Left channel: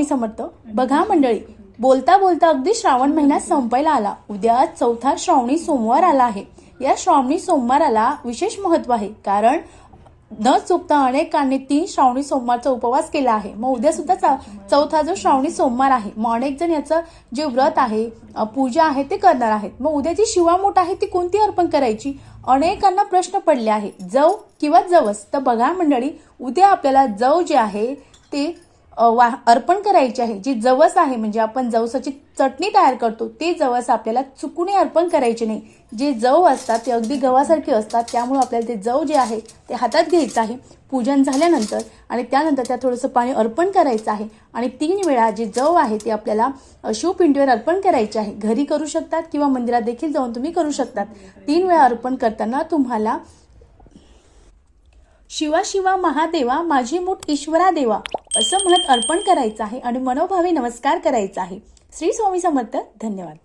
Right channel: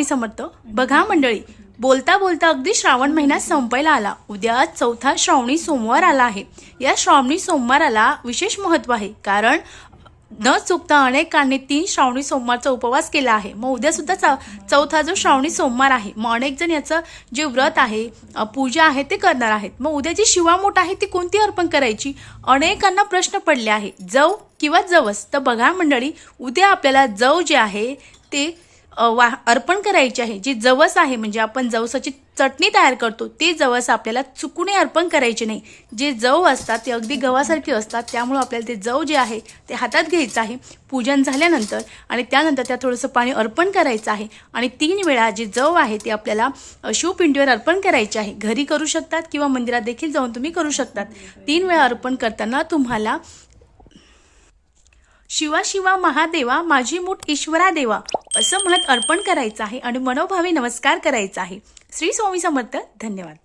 स्वामी समर्थ। बघा मंडळी, बोलता बोलता अगदी श्रावण महिना संपायला आला। उद्या चौथा श्रावणी सोमवार आला आहे। या श्रावणी सोमवाराला विशेष महत्त्व आहे, कारण न चुकता अनेकांनी 3 श्रावणी सोमवारचा उपवास केला आहे। मग उद्या सुद्धा चौथा जो श्रावणी सोमवार आहे, मग अनेक जण याचं जे व्रत आहे, पूजा आहे ते करणार आहेत। मग उद्याची शिवामूठ आहे ती कोणती अर्पण करायची, अनेकांना प्रश्न पडले आहे, जव किंवा जवस। तर बघा मंडळी, उद्या आपल्याला जव जे आहे ते अर्पण करायची आहे। जी जवस आहे म्हणजे आपण जवसाची चटणी तयार करतो, ते जवस आपल्याला चुकूनही अर्पण करायचे नाही। जे जव असतात ते अगदी गव्हासारखे असतात, त्यामुळे आपल्याला ते जव जे आहे ते हातात घ्यायचं आहे पूजन झाल्यानंतर, आणि त्यानंतर त्या थोडंसं पाणी अर्पण करायचं आहे। आणि 3 वेळा जे जव आहे ते आपल्याला शिवपिंडीवर अर्पण करायचे आहे। घरी करू शकतात किंवा मंदिरात देखील जाऊन तुम्ही करू शकतात। 3 वेळा अर्पण करताना तुम्हाला शिवा शिवा महादेवा माझी मूठ ईश्वरा देवा असं म्हणत अर्पण करायचं आहे आणि मनोभावे नमस्कार करायचा आहे। श्री स्वामी समर्थ। धन्यवाद।